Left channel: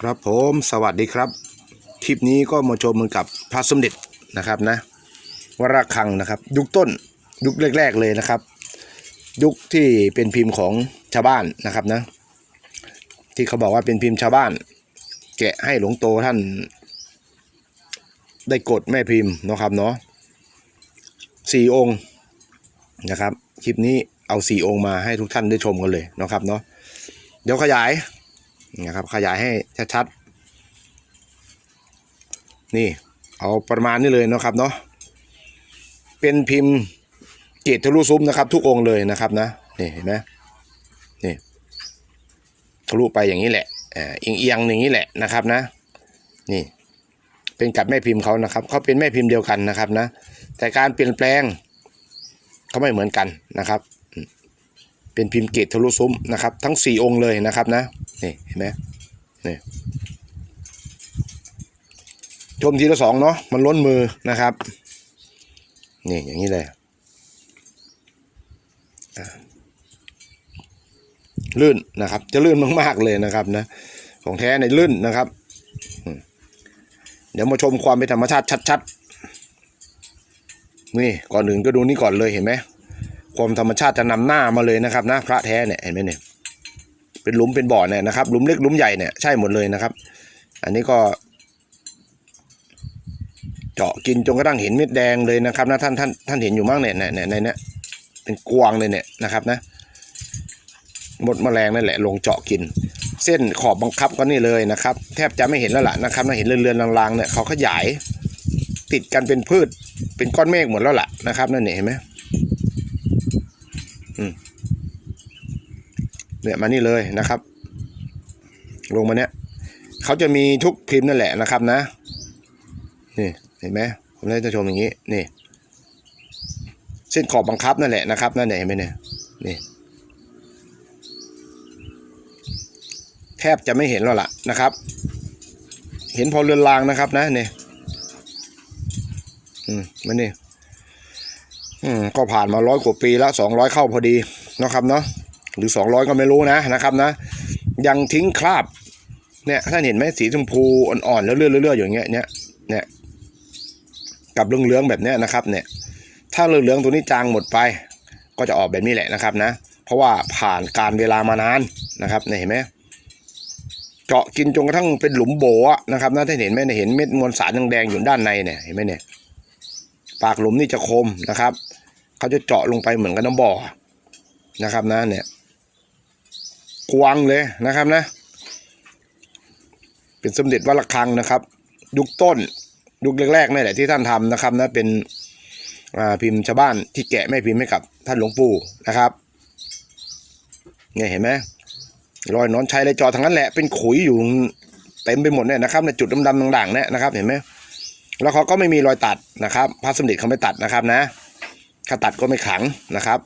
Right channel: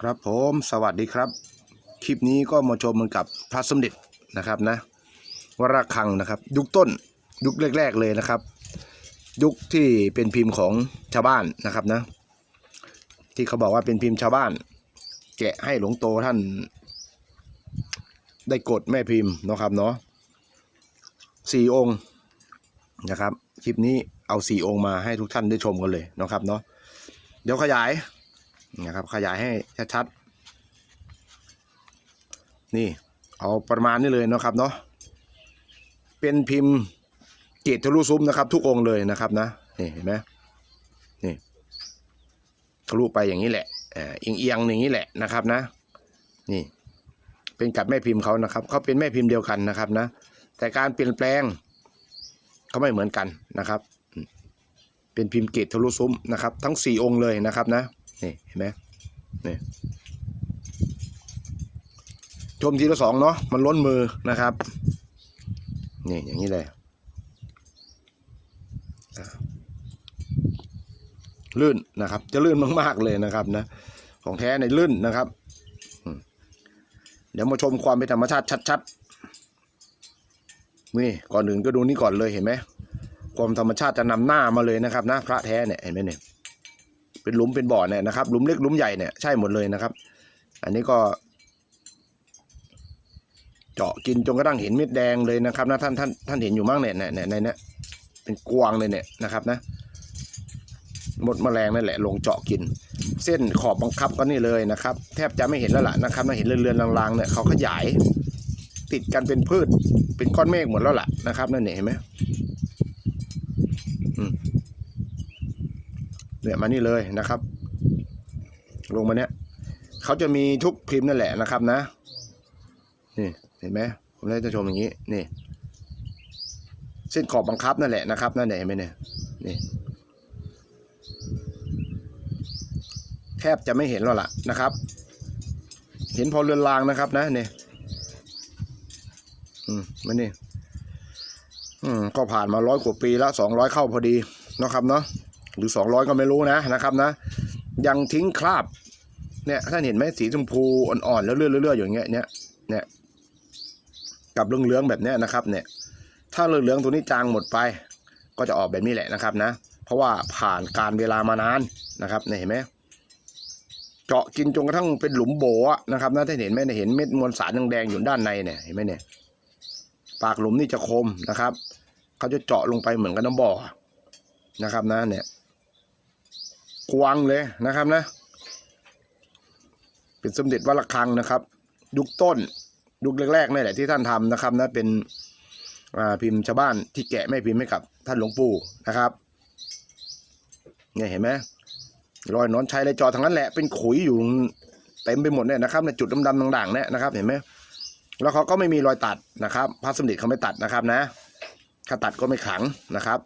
ครับผมสวัสดีครับ คลิปนี้ก็มาชมเหมือนกับพระสมเด็จนะครับนะวรคังนะครับ ยุคต้นยุคแรก ๆเลยนะครับ ยุคที่เป็นพิมพ์ของชาวบ้านนะครับนะ ที่เขาบอกว่าเป็นพิมพ์ชาวบ้าน แกะให้หลวงโตท่าน ได้กดแม่พิมพ์นะครับเนาะสี่องค์นะครับ คลิปนี้เอาสี่องค์มาให้ทุกท่านได้ชมกันเลยนะครับเนาะเดี๋ยวขยาย นะครับ ขยายให้ชัดๆ นี่ เอาประมาณนี้เลยนะครับเนาะ เป็นพิมพ์เกตทะลุซุ้มนะครับ ทุกองเลยนะครับนะ นี่เห็นไหมนี่ทะลุไปอย่างนี้แหละเอียงเอียงๆอย่างนี้แหละนะครับนะ นี่ เป็นกับแม่พิมพ์เขานะครับ เขาเป็นแม่พิมพ์เดียวกันนะครับนะ แต่การเปลี่ยนแปลงเขาไม่เหมือนกันนะครับ เป็นพิมพ์เกตทะลุซุ้มนะครับ ทั้งสี่องค์เลยนะครับนะนี่เห็นไหมนี่ชมทีละสองเนาะมันล้นมือนะครับนี่อย่างนี้เลยลื่นนะครับ จะลื่นมากๆเลยนะครับนะของแท้ในลื่นนะครับ เดี๋ยวมาชมความเป็นธรรมชาติชัดๆนี่ก่อนอื่นก็ดูนี่ก่อนเลยเห็นไหม ความธรรมชาติจะนำหน้ามาเลยนะครับนะพระแท้เนี่ยเห็นไหมเนี่ยเป็นหลุมเป็นบ่อเนี่ยนะครับหลุมเล็กหลุมใหญ่เนี่ยใช่หมดเลยนะครับ อันนี้ก็เจาะกินจนกระทั่งเห็นเม็ดแดงเลยนะครับนะท่านท่านท่านเห็นอยู่มั้งเนี่ยเนี่ยเนี่ยในเนี่ยเป็นกวางเลยเนี่ยนะครับนะหมดแมลงนั่นแหละลงเจาะกิน เส้นขอบบังคับก็นี่เลยนะครับ แทบจะไม่เห็นแล้วล่ะนะครับนะเห็นเรือนๆลางๆเนี่ยเขาขยาย ติดกันเป็นพืชเป็นก้อนเมฆหมดแล้วล่ะนะครับนั่นเนี่ยเห็นไหม เนี่ยมานี่เลยนะครับ ลงมาเนี่ยเขาจะมีทุกพิมพ์นั่นแหละนะครับนะ นี่เห็นไหมผมได้จะชมอย่างนี้นี่เส้นขอบบังคับนั่นแหละนะครับนั่นเนี่เห็นไหมเนี่ยนี่แทบจะไม่เห็นแล้วล่ะนะครับ เห็นพอเรือนรางนะครับนะเนี่ยอืมมันนี่อืมก็ผ่านมาร้อยกว่าปีแล้วสองร้อยเข้าพอดีนะครับเนาะ หรือ 200 ก็ไม่รู้นะนะครับนะ ยังทิ้งคราบเนี่ยท่านเห็นไหมสีชมพูอ่อนๆแล้วเลื่อนๆอยู่อย่างเงี้ยเนี่ยเนี่ยกับเหลืองๆแบบเนี้ยนะครับเนี่ยถ้าเหลืองๆตัวนี้จางหมดไป ก็จะออกแบบนี้แหละนะครับนะ เพราะว่าผ่านการเวลามานานนะครับเนี่ยเห็นไหมเจาะกินจนกระทั่งเป็นหลุมโบะนะครับนะท่านเห็นไหมเนี่ยเห็นเม็ดมวลสารแดงๆอยู่ด้านในเนี่ยเห็นไหมเนี่ยปากหลุมนี่จะคมนะครับ เขาจะเจาะลงไปเหมือนกับน้ำบ่อนะครับนะเนี่ย กวางเลยนะครับนะ เป็นสมเด็จวัดระฆังนะครับ ยุคต้นยุคแรกๆนี่แหละที่ท่านทำนะครับนะเป็นพิมพ์ชาวบ้านที่แกะแม่พิมพ์ให้กับท่านหลวงปู่นะครับเนี่ยเห็นไหมรอยนอนชัยเลยจอทั้งนั้นแหละเป็นขุยอยู่เต็มไปหมดเนี่ยนะครับในจุดดำๆด่างๆเนี่ยนะครับ เห็นไหมแล้วเขาก็ไม่มีรอยตัดนะครับพระสมเด็จเขาไม่ตัดนะครับนะถ้าตัดก็ไม่ขังนะครับ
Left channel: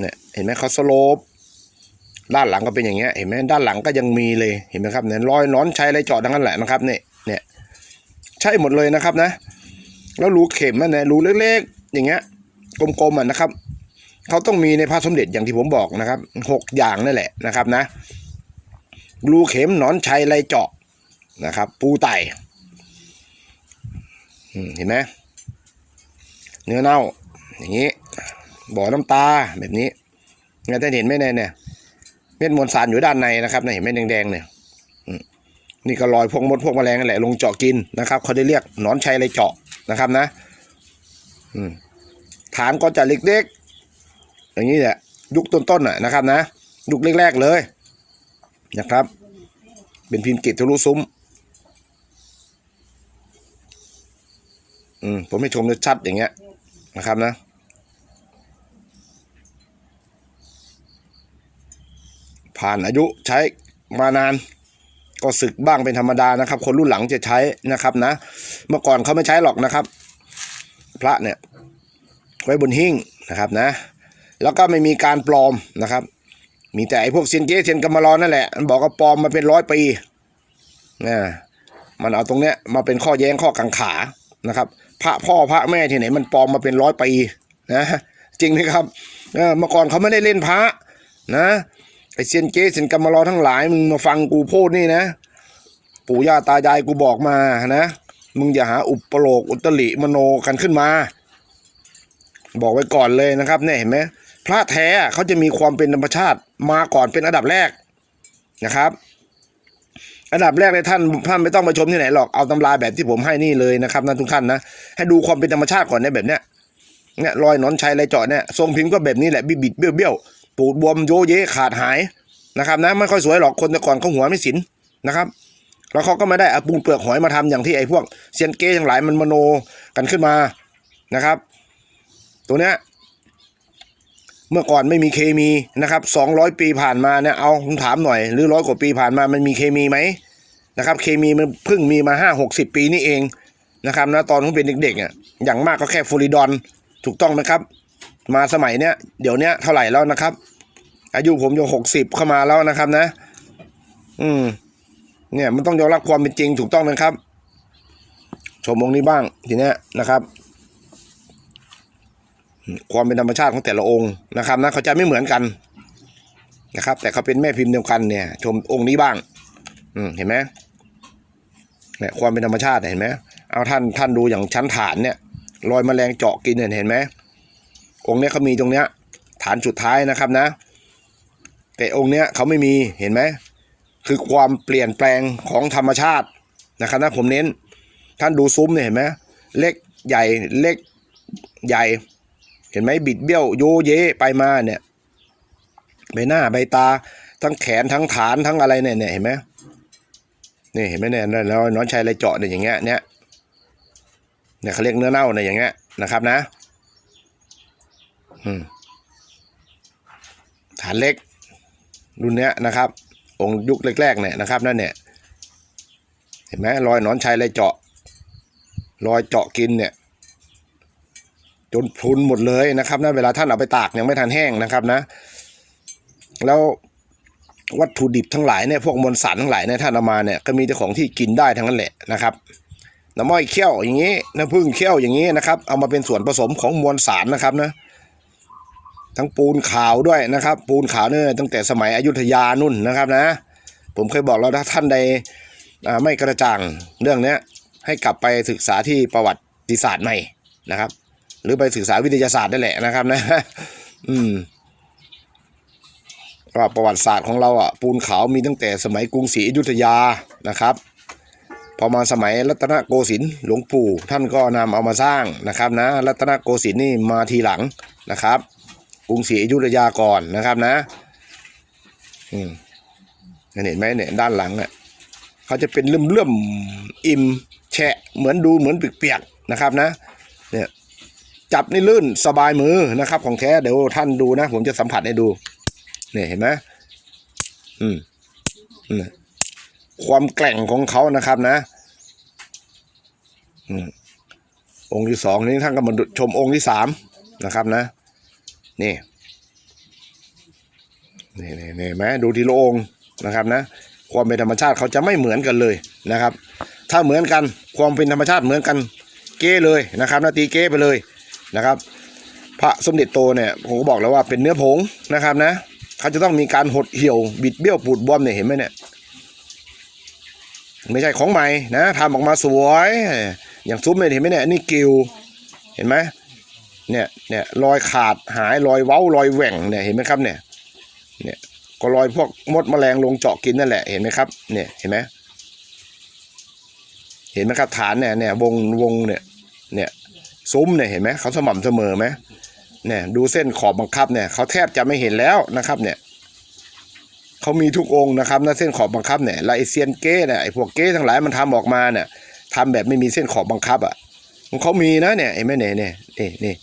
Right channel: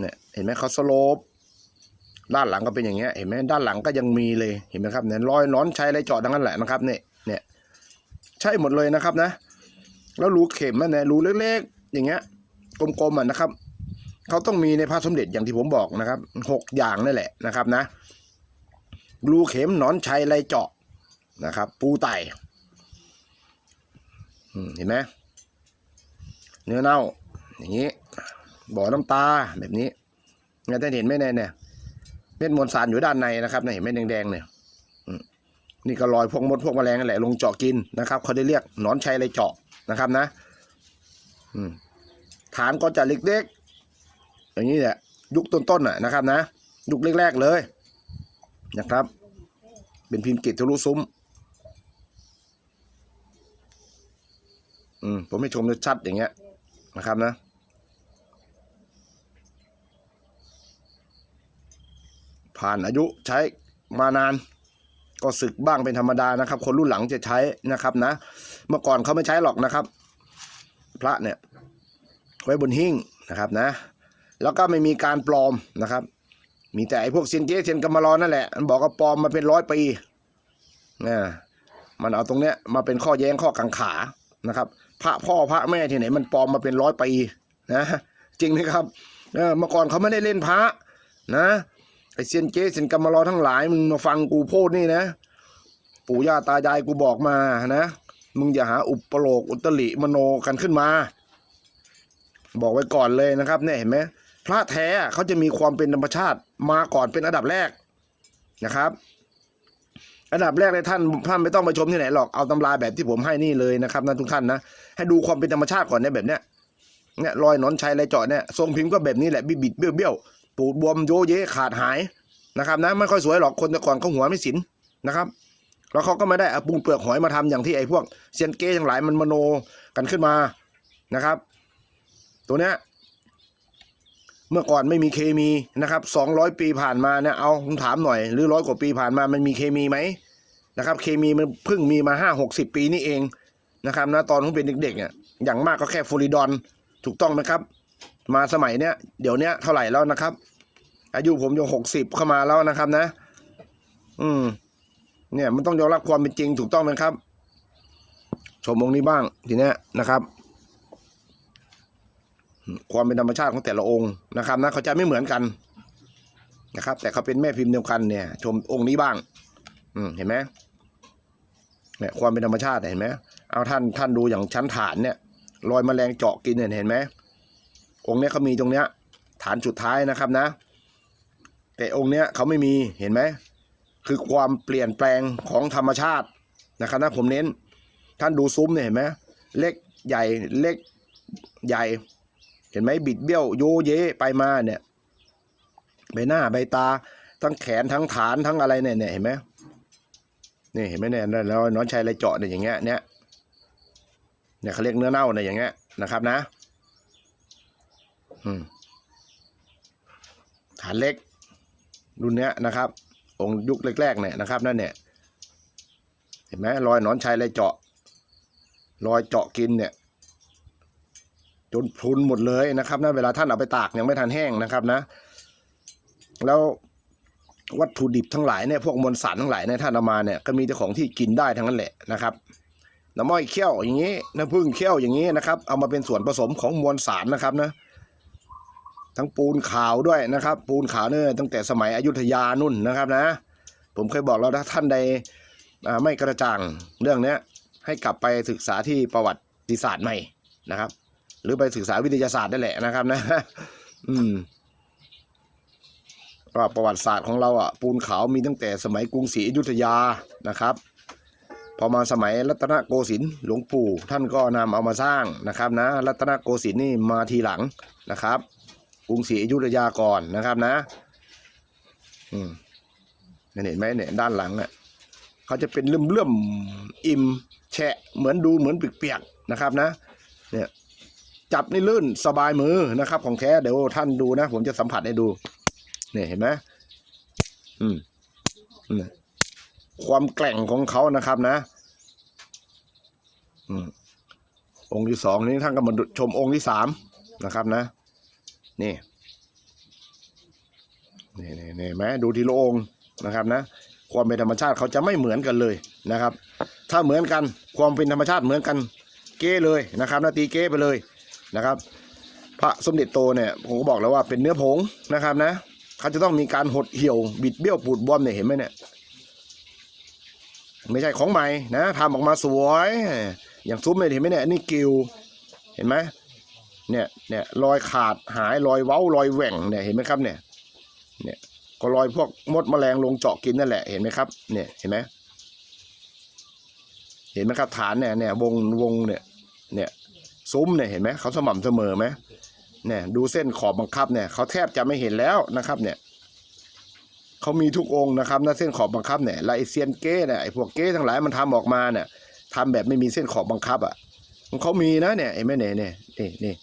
เนี่ยเห็นไหมเขาสโลป ด้านหลังก็เป็นอย่างเงี้ยเห็นไหมด้านหลังก็ยังมีเลยเห็นไหมครับเนี่ยรอยนอนใช้อะไรเจาะทั้งนั้นแหละนะครับเนี่ยเนี่ยใช่หมดเลยนะครับนะ แล้วรูเข็มอะเนี่ยรูเล็กๆ อย่างเงี้ยกลมๆอะนะครับเขาต้องมีในพระสมเด็จอย่างที่ผมบอกนะครับหกอย่างนั่นแหละนะครับนะรูเข็มหนอนชัยไรเจาะนะครับ ปูไตเห็นไหมเนื้อเน่า อย่างนี้ บ่อน้ำตาแบบนี้งั้นท่านเห็นไหมเนี่ย เม็ดมวลสารอยู่ด้านในนะครับเนี่เห็นไหมแดงๆเนี่ยนี่ก็รอยพวกมดพวกแมลงนั่นแหละลงเจาะกินนะครับเขาได้เรียกหนอนชัยไรเจาะนะครับนะฐานก็จะเล็กๆอย่างนี้แหละยุคต้นๆน่ะนะครับนะยุคแรกๆเลยนะครับ เป็นพิมพ์เกตทะลุซุ้มอืมผมให้ชมชัดๆอย่างเงี้ยนะครับนะ ผ่านอายุใช้มานาน ก็สึกบ้างเป็นธรรมดานะครับ คนรุ่นหลังจะใช้นะครับนะ เมื่อก่อนเขาไม่ใช้หรอกนะครับ พระเนี่ยไว้บนหิ้งนะครับนะ แล้วก็ไม่มีการปลอมนะครับ มีแต่ไอ้พวกเซียนเก้เซียนกำมารอนนั่นแหละมันบอกว่าปลอมมาเป็นร้อยปีนะมันเอาตรงเนี้ยมาเป็นข้อแย้งข้อกังขานะครับ พระพ่อพระแม่ที่ไหนมันปลอมมาเป็นร้อยปีนะจริงไหมครับเมื่อก่อนเขาไม่ได้เล่นพระนะ ไอเซียนเก้เซียนกรรมารอทั้งหลาย มึงมาฟังกูพูดนี่นะ ปู่ย่าตายายกูบอกมานะ มึงอย่าหาอุปโลกอุตริมโนกันขึ้นมา บอกไว้ก่อนเลยนะครับ เนี่ยเห็นไหมพระแท้เขาจะมีความเป็นธรรมชาติมาก่อนเป็นอันดับแรกนะครับ อันดับแรกเลยท่านท่านไม่ต้องไปชมที่ไหนหรอกเอาตำราแบบที่ผมให้นี่เลยนะครับนะทุกท่านนะให้ดูความเป็นธรรมชาติก่อนเนี่ยแบบเนี้ยเนี่ยรอยนอนชัยไรเจาะเนี่ยทรงพิมพ์ก็แบบนี้แหละบิดบิดเบี้ยวเบี้ยว ปูดบวมโยเยขาดหายนะครับนะไม่ค่อยสวยหรอกคนแต่ก่อนเขาหัวไม่สินนะครับ แล้วเขาก็ไม่ได้เอาปูนเปลือกหอยมาทำอย่างที่ไอ้พวกเซียนเก้ทั้งหลายมันมโนกันขึ้นมานะครับ ตัวเนี้ยเมื่อก่อนไม่มีเคมีนะครับสองร้อยปีผ่านมาเนี่ยเอาผมถามหน่อย หรือร้อยกว่าปีผ่านมามันมีเคมีไหมนะครับ เคมีมันเพิ่งมีมาห้าหกสิบปีนี่เองนะครับนะตอนผมเป็นเด็กๆอะอย่างมากก็แค่ฟลูริดอนถูกต้องไหมครับ มาสมัยเนี้ยเดี๋ยวเนี้ยเท่าไหร่แล้วนะครับ อายุผมจะหกสิบเข้ามาแล้วนะครับนะ อืม เนี่ยมันต้องยอมรับความเป็นจริงถูกต้องนะครับ ชมองค์นี้บ้างทีเนี้ยนะครับ ความเป็นธรรมชาติของแต่ละองค์นะครับนะเขาจะไม่เหมือนกันนะครับ แต่เขาเป็นแม่พิมพ์เดียวกันเนี่ย ชมองค์นี้บ้าง อืมเห็นไหมเนี่ยความเป็นธรรมชาติเห็นไหมเอาท่านท่านดูอย่างชั้นฐานเนี่ยรอยแมลงเจาะกินเนี่ยเห็นไหม องค์เนี้ยเขามีตรงเนี้ยฐานสุดท้ายนะครับนะ แต่องค์เนี้ยเขาไม่มีเห็นไหมคือความเปลี่ยนแปลงของธรรมชาตินะครับนะผมเน้น ท่านดูซุ้มเนี่ยเห็นไหมเล็กใหญ่เล็กใหญ่ เห็นไหมบิดเบี้ยวโยเยไปมาเนี่ยใบหน้าใบตา ทั้งแขนทั้งฐานทั้งอะไรเนี่ยเนี่ยเห็นไหมนี่เห็นไหมเนี่ยแล้วน้องชายอะไรเจาะเนี่ยอย่างเงี้ยเนี่ยเนี่ยเขาเรียกเนื้อเน่าเนี่ยอย่างเงี้ยนะครับนะ ฐานเล็ก รุ่นเนี้ยนะครับ องค์ยุคแรกๆเนี่ยนะครับ นั่นเนี่ย เห็นไหมรอยหนอนชัยเลยเจาะ รอยเจาะกินเนี่ย จนพรุนหมดเลยนะครับนะเวลาท่านเอาไปตากยังไม่ทันแห้งนะครับนะ แล้ววัตถุดิบทั้งหลายเนี่ยพวกมวลสารทั้งหลายเนี่ยท่านเอามาเนี่ยก็มีแต่ของที่กินได้ทั้งนั้นแหละนะครับน้ำม้อยเคี่ยวอย่างนี้น้ำผึ้งเคี่ยวอย่างนี้นะครับ เอามาเป็นส่วนผสมของมวลสารนะครับนะ ทั้งปูนขาวด้วยนะครับ ปูนขาวเนี่ยตั้งแต่สมัยอยุธยานุ่นนะครับนะ ผมเคยบอกแล้วถ้าท่านใดไม่กระจ่างเรื่องเนี้ยให้กลับไปศึกษาที่ประวัติศาสตร์ใหม่นะครับ หรือไปศึกษาวิทยาศาสตร์ได้แหละนะครับนะ อืมว่าประวัติศาสตร์ของเราอะปูนขาวมีตั้งแต่สมัยกรุงศรีอยุธยานะครับพอมาสมัยรัตนโกสินทร์หลวงปู่ท่านก็นำเอามาสร้างนะครับนะ รัตนโกสินทร์นี่มาทีหลังนะครับ กรุงศรีอยุธยาก่อนนะครับนะ อืมเห็นไหมเนี่ยด้านหลังอะเขาจะเป็นเลื่อมๆอิ่มแฉะเหมือนดูเหมือนเปียกๆนะครับนะ เนี่ยจับนี่ลื่นสบายมือนะครับ ของแท้เดี๋ยวท่านดูนะ ผมจะสัมผัสให้ดูเนี่ยเห็นไหมอืมอืมความแกร่งของเขานะครับนะ อืมองค์ที่สองนี้ท่านก็มาดูชมองค์ที่สามนะครับนะ นี่นี่นี่นี่ไหมดูทีละองค์นะครับนะความเป็นธรรมชาติเขาจะไม่เหมือนกันเลยนะครับ ถ้าเหมือนกันความเป็นธรรมชาติเหมือนกันเก้เลยนะครับนาตีเก้ไปเลยนะครับ พระสมเด็จโตเนี่ยผมก็บอกแล้วว่าเป็นเนื้อผงนะครับนะเขาจะต้องมีการหดเหี่ยวบิดเบี้ยวปูดบวมเนี่ยเห็นไหมเนี่ยไม่ใช่ของใหม่นะทำออกมาสวย อย่างซุ้มเนี่ยเห็นไหมเนี่ยนี่กิวเห็นไหม เนี่ยเนี่ยรอยขาดหายรอยเว้ารอยแหว่งเนี่ยเห็นไหมครับเนี่ยเนี่ยก็รอยพวกมดแมลงลงเจาะกินนั่นแหละเห็นไหมครับเนี่ยเห็นไหมเห็นไหมครับฐานเนี่ยเนี่ยวงวงเนี่ยเนี่ยซุ้มเนี่ยเห็นไหมเขาสม่ำเสมอไหมเนี่ยดูเส้นขอบบังคับเนี่ยเขาแทบจะไม่เห็นแล้วนะครับเนี่ยเขามีทุกองค์นะครับนะเส้นขอบบังคับเนี่ยแล้วไอเซียนเก้เนี่ยไอพวกเก้ทั้งหลายมันทำออกมาเนี่ยทำแบบไม่มีเส้นขอบบังคับอะของเขามีนะเนี่ยเห็นไหมเนี่ยเนี่ยนี่นี่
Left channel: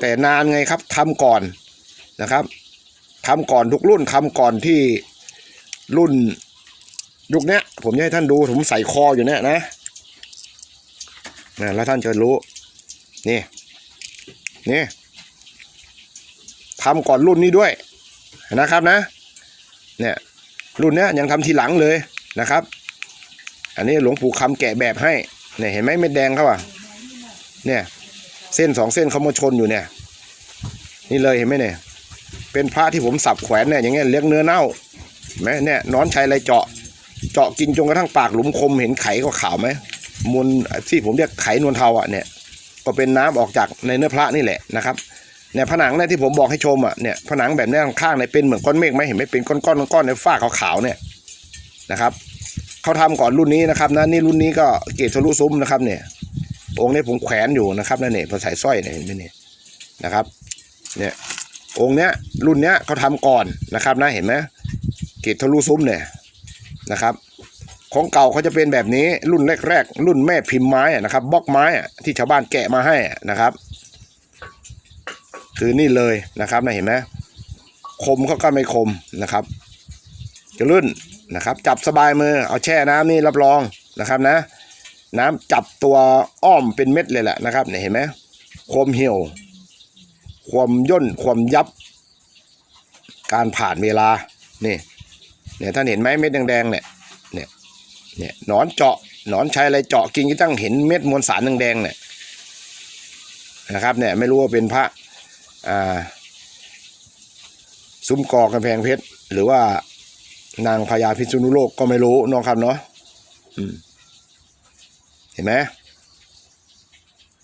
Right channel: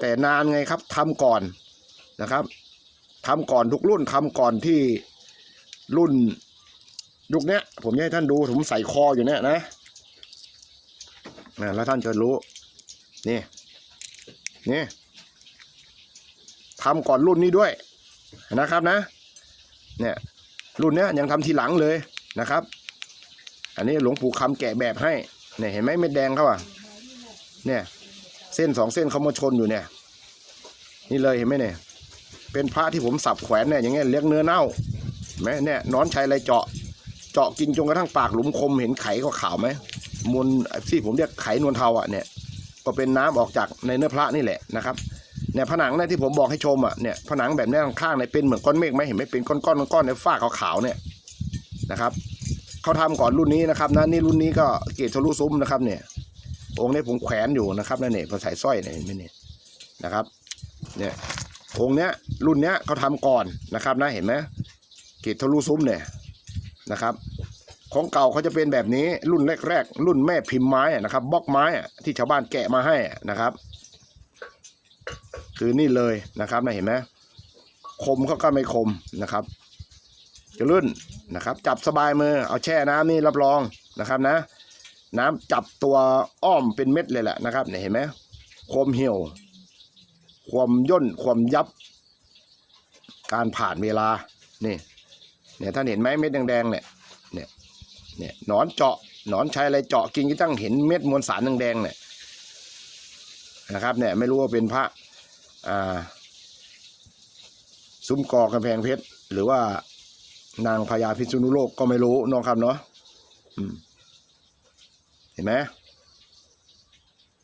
แต่นานไงครับทำก่อนนะครับทำก่อนทุกรุ่นทำก่อนที่รุ่นยุคนี้ผมจะให้ท่านดูผมใส่คออยู่เนี่ยนะนะแล้วท่านจะรู้นี่นี่ทำก่อนรุ่นนี้ด้วยนะครับนะเนี่ยรุ่นนี้ยยังทำทีหลังเลยนะครับ อันนี้หลวงปู่คำแกะแบบให้เนี่ยเห็นไหมเม็ดแดงเขาอะเนี่ย เส้นสองเส้นเขามาชนอยู่เนี่ย นี่เลยเห็นไหมเนี่ย เป็นพระที่ผมสับแขวนเนี่ยอย่างเงี้ยเลี้ยงเนื้อเน่าไหมเนี่ยนอนชัยไรเจาะ เจาะกินจนกระทั่งปากหลุมคมเห็นไขขาวไหมมวลที่ผมเรียกไขนวลเทาอะเนี่ย ก็เป็นน้ำออกจากในเนื้อพระนี่แหละนะครับเนี่ยผนังเนี่ยที่ผมบอกให้ชมอะเนี่ยผนังแบบเนี้ยข้างๆเนี่ยเป็นเหมือนก้อนเมฆไหมเห็นไหมเป็นก้อนๆก้อนๆในฝ้าขาวๆเนี่ยนะครับเขาทำก่อนรุ่นนี้นะครับนะนี่รุ่นนี้ก็เกรดทะลุซุ้มนะครับเนี่ย องค์นี้ผมแขวนอยู่นะครับนั่นเนี่ยพอใส่สร้อยเนี่ยเห็นไหมเนี่ยนะครับเนี่ยองค์เนี้ยรุ่นเนี้ยเขาทำก่อนนะครับนะเห็นไหมเกรดทะลุซุ้มเนี่ยนะครับ ของเก่าเขาจะเป็นแบบนี้รุ่นแรกๆรุ่นแม่พิมพ์ไม้นะครับบล็อกไม้อะที่ชาวบ้านแกะมาให้นะครับ คือนี่เลยนะครับนะเห็นไหมคมเขาก็ไม่คมนะครับ จะลื่นนะครับ จับสบายมือเอาแช่น้ำนี่รับรองนะครับนะ น้ำจับตัวอ้อมเป็นเม็ดเลยแหละนะครับเนี่ยเห็นไหมความเหี่ยว ความย่นความยับ การผ่านเวลานี่เนี่ยท่านเห็นไหมเม็ดแดงๆเนี่ยเนี่ยหนอนเจาะหนอนใช้อะไรเจาะกินก็ตั้งเห็นเม็ดมวลสารแดงๆเนี่ยนะครับเนี่ยไม่รู้ว่าเป็นพระอ่าซุ้มกอกำแพงเพชรหรือว่านางพญาพิษณุโลกก็ไม่รู้น้องครับเนาะอืม ห็นไหม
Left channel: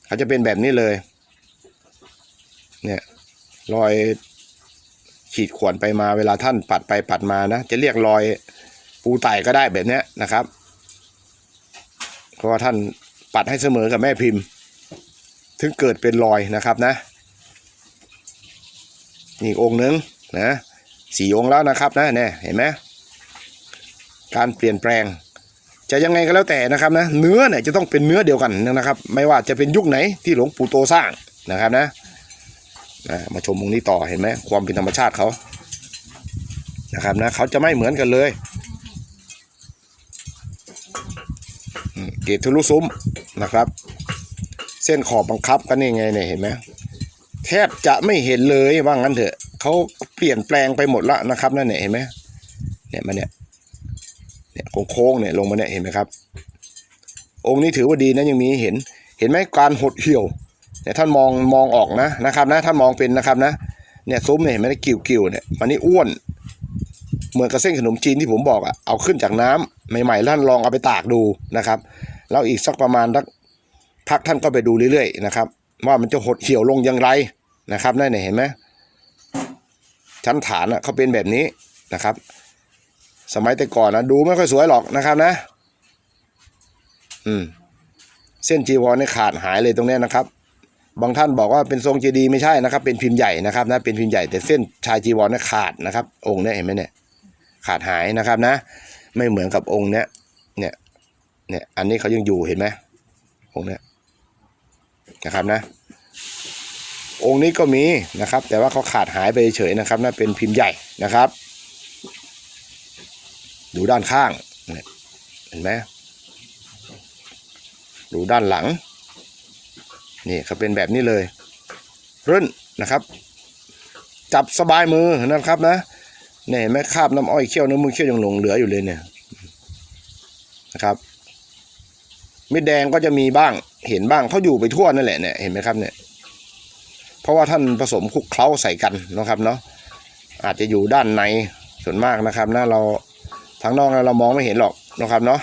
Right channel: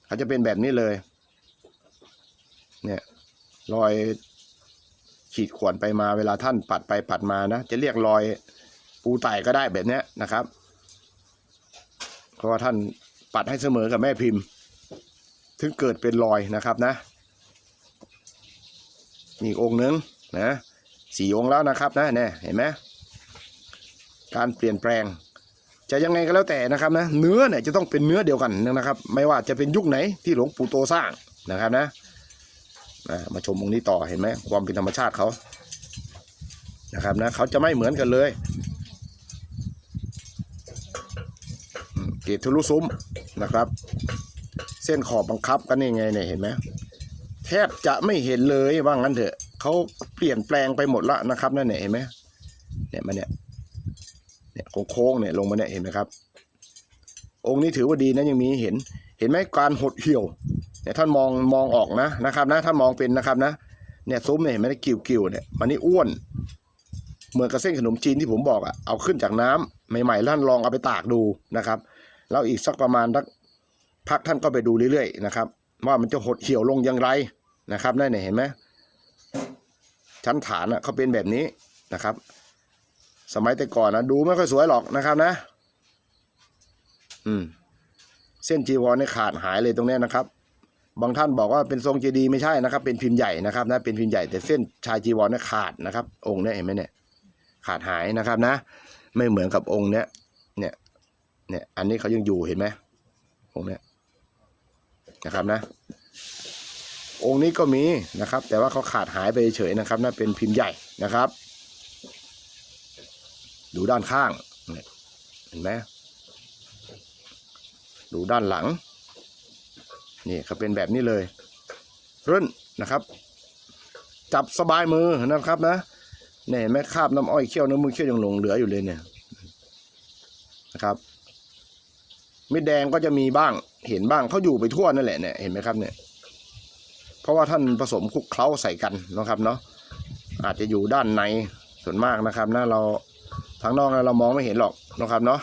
เขาจะเป็นแบบนี้เลย เนี่ยรอยขีดข่วนไปมาเวลาท่านปัดไปปัดมานะ จะเรียกรอยปูไต่ก็ได้แบบนี้นะครับ เพราะว่าท่านปัดให้เสมอกับแม่พิมพ์ ถึงเกิดเป็นรอยนะครับนะนี่อีกองค์หนึ่งนะสี่องค์แล้วนะครับนะเนี่ยเห็นไหมการเปลี่ยนแปลง จะยังไงก็แล้วแต่นะครับนะเนื้อเนี่ยจะต้องเป็นเนื้อเดียวกันนะครับ ไม่ว่าจะเป็นยุคไหนที่หลวงปู่โตสร้างนะครับนะมาชมองนี้ต่อเห็นไหมความเป็นธรรมชาติเขานะครับนะเขาจะไม่เหมือนกันเลยเกตทะลุซุ้มนะครับ เส้นขอบบังคับกันนี่ไงเนี่ยเห็นไหมแทบจะไม่เห็นเลยว่างั้นเถอะเขาเปลี่ยนแปลงไปหมดละนะครับนั่นเนี่ยเห็นไหมเนี่ยมันเนี่ยเนี่ย โค้งเนี่ยลงมาเนี่ยเห็นไหมครับ องค์นี้ถือว่าดีนะยังมีเห็น เห็นไหมการหดเหี่ยวเนี่ยท่านมองมองออกนะนะครับนะท่านมองเป็นนะครับนะเนี่ยซุ้มเนี่ยเห็นไหมกิ่วกิ่วๆเนี่ยมันนี่อ้วน เหมือนกับเส้นขนมจีนที่ผมบอกอะเอาขึ้นจากน้ำใหม่ๆท่านลองเอาไปตากดูนะครับ แล้วอีกสักประมาณสักพักท่านก็ไปดูเรื่อยๆนะครับว่ามันจะหดเหี่ยวลงอย่างไรนะครับนั่นเนี่เห็นไหมชั้นฐานอะเขาเป็นแบบนี้นะครับ สมัยแต่ก่อนนะดูไม่ค่อยสวยหรอกนะครับนะ อืม เส้นจีวรนี่ขาดหายเลยตรงเนี้ยนะครับ บางท่านบอกว่าเป็นทรงเจดีย์ไม่ใช่นะครับ เป็นพิมพ์ใหญ่นะครับ นะ เป็นพิมพ์ใหญ่แต่เส้นชายจีวรนี่ขาดนะครับ องค์นี้เห็นไหมเนี่ย ขาดหายนะครับนะ ไม่เหมือนกับองค์เนี้ยเนี่ย เนี่ย อันนี้เขายังอยู่เห็นไหมองค์เนี้ยนะครับนะองค์นี้ก็มีนะครับ แต่ว่าเขาขาดหายไปเฉยนะครับนะเป็นพิมพ์ใหญ่นะครับ ดูด้านข้างเห็นไหมดูด้านหลัง นี่เขาเป็นแบบนี้เลยรื่นนะครับ จับสบายมือนะครับนะเนี่ยเห็นไหมคราบน้ำอ้อยเคี่ยวน้ำมือเคี่ยวยังหลงเหลืออยู่เลยเนี่ยนะครับเม็ดแดงก็จะมีบ้างเห็นบ้างเขาอยู่ไปทั่วนั่นแหละเนี่ยเห็นไหมครับเนี่ยเพราะว่าท่านผสมคลุกเคล้าใส่กันนะครับเนาะอาจจะอยู่ด้านในส่วนมากนะครับนะเรา ทางนอกเรามองไม่เห็นหรอกนะครับเนาะ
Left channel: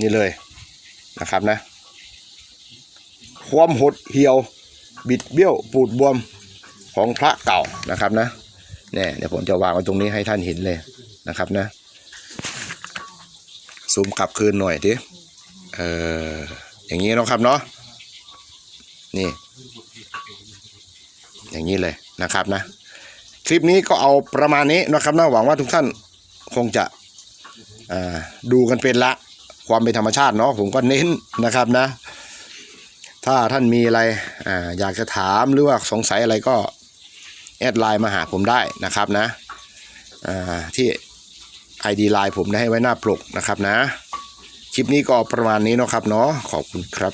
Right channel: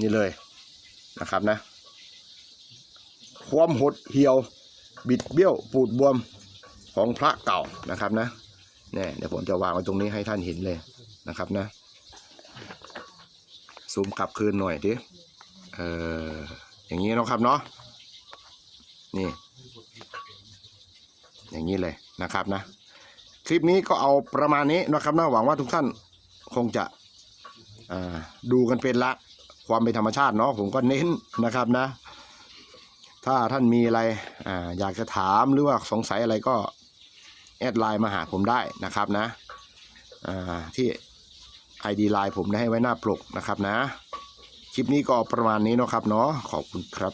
นี่เลยนะครับนะ ความหดเหี่ยว บิดเบี้ยวปูดบวมของพระเก่านะครับนะเนี่ยเดี๋ยวผมจะวางไว้ตรงนี้ให้ท่านเห็นเลยนะครับนะ ซูมกลับคืนหน่อยดิเอออย่างนี้นะครับเนาะนี่ อย่างนี้เลยนะครับนะ คลิปนี้ก็เอาประมาณนี้นะครับนะหวังว่าทุกท่านคงจะดูกันเป็นละความเป็นธรรมชาติเนาะผมก็เน้นนะครับนะ ถ้าท่านมีอะไรออยากจะถามหรือว่าสงสัยอะไรก็แอดไลน์มาหาผมได้นะครับนะที่ ID ไลน์ผมได้ให้ไว้หน้าปลกนะครับนะ คลิปนี้ก็ประมาณนี้นะครับเนาะขอบคุณครับ